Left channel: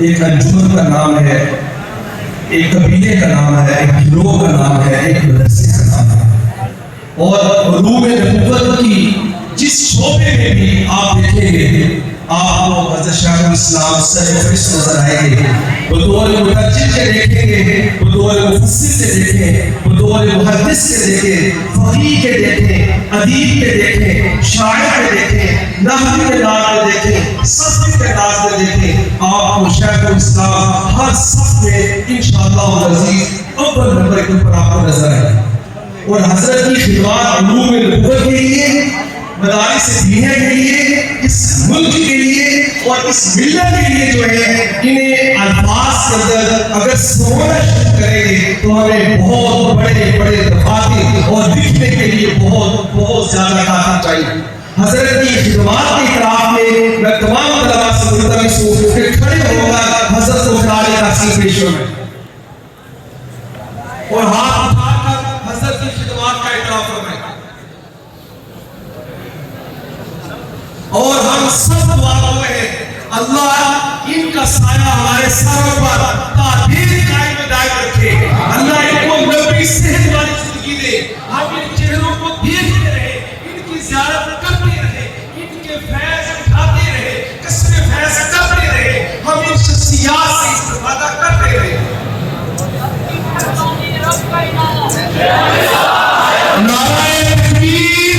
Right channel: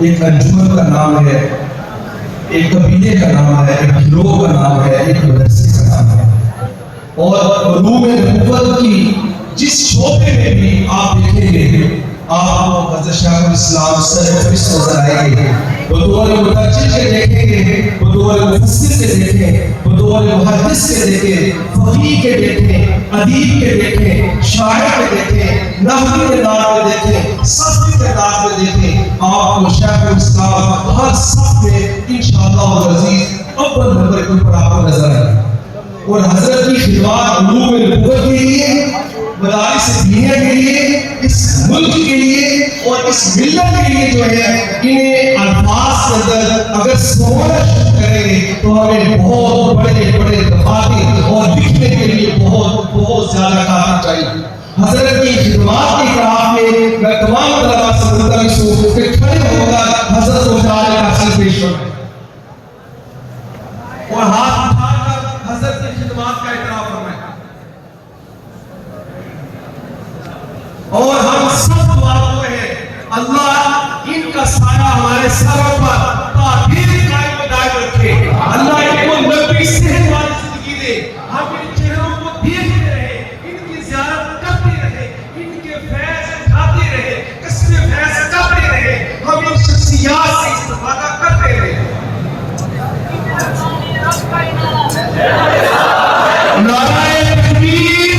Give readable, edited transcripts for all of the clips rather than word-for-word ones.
ایک انجمن کا نام ہے، ایک قبیلے کا نام ہے، ایک گروہ کا نام ہے، ایک مدرسے کا نام ہے۔ اور روح نبوت کی جس شعبے میں بھی آپ دیکھیں گے، آپ کو حضرت شیخ الاسلام سرفرست نظر آئیں گے۔ بطور مترجم کے دیکھیں گے، بطور مفسر کے دیکھیں، بطور محدث کے دیکھیں، فقیہ کے دیکھیں، ادیب کے دیکھیں، شاعر کے دیکھیں، نحوی کے نام پہ دیکھیں، صفی کے نام پہ دیکھیں، آپ کو شیخ الاسلام ہر صف میں انشاءاللہ العزیز اول نمبر کے اوپر آپ کو نظر آئے۔ اور حضرت کی خدمات علوم نبوت کے لیے، مدارس دینہ کے لیے، اس ملک کے لیے اور اس ملت کے لیے جو ہے، انہیں الفاظ کے اندر اگر سمجھنا کریں گے تو ہمیں بہت بڑے بڑے دفاتر اور لکھنے کے لیے بہت بہت زیادہ کافی چاہیے۔ حضرت کی خدمات کے اعتراف میں تمام طلباء سے ملتمس ہوں کہ کھڑے ہو کر حضرت کو خراج تحسین پیش کریں اور ہاتھ اٹھا کر حضرت کی خدمات کا اعتراف کریں۔ اور ہم سب دعا کر رہے ہیں اللہ ان کا سایہ ہمارے سر پر تعبیر قائم و دائم رکھے، اللہ ان کو لمبی صحت والی زندگی دے، ہم ان چہروں کو دیکھتے رہے، ان کی زیارت کرتے رہے، ان کے فیض اٹھاتے رہے، قصر فیض کرتے رہے، ہم ان شخصیات سے استفادہ کرتے رہے۔ نعرہ تکبیر،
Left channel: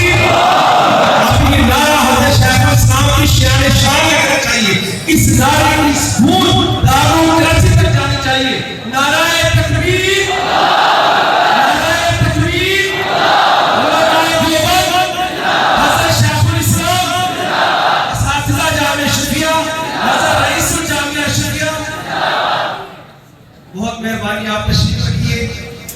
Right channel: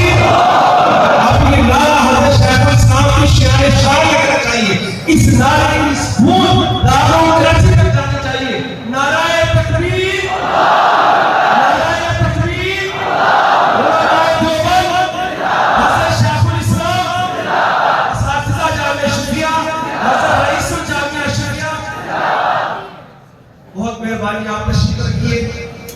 اپنے نعرہ حضرت شیخ الاسلام کی شان کرنا چاہیے، اس نعرے کی سمود داروں درجے تک جانی چاہیے۔ نعرہ تکبیر، نعرہ تکبیر، نعرہ دیوبند، حضرت شیخ الاسلام، اساتذہ جامعہ شفیہ، حضرت رئیس الجامعہ شفیہ، بہت مہربانی آپ تشریف رکھیے۔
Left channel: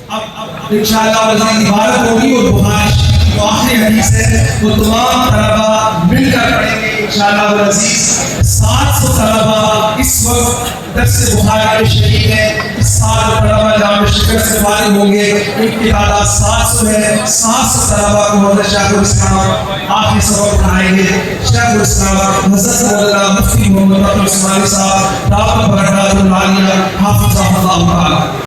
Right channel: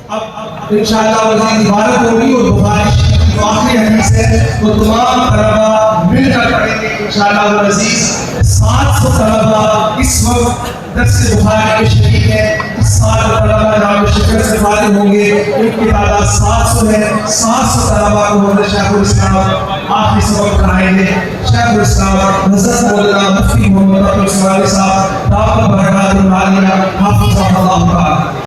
اب انشاءاللہ وزیر عبادت ہوگی اور بخاری شریف جو آخری حدیث ہے وہ تمام طلباء مل کر پڑھیں گے انشاءاللہ العزیز۔ 700 طلباء اس وقت درس بخاری کے شریک ہیں، اس سال طلباء جامعہ شفیہ سے فارغ ہوں گے، ان کی تعداد 700 ہے۔ 700 طلباء کو حضرت شیخ الاسلام آخری سبق پڑھائیں گے۔ شیخ الاسلام حضرت مولانا مفتی محمد عبدالصالح صاحب دعوت برکات العالیہ حافظہ اللہ تعالی۔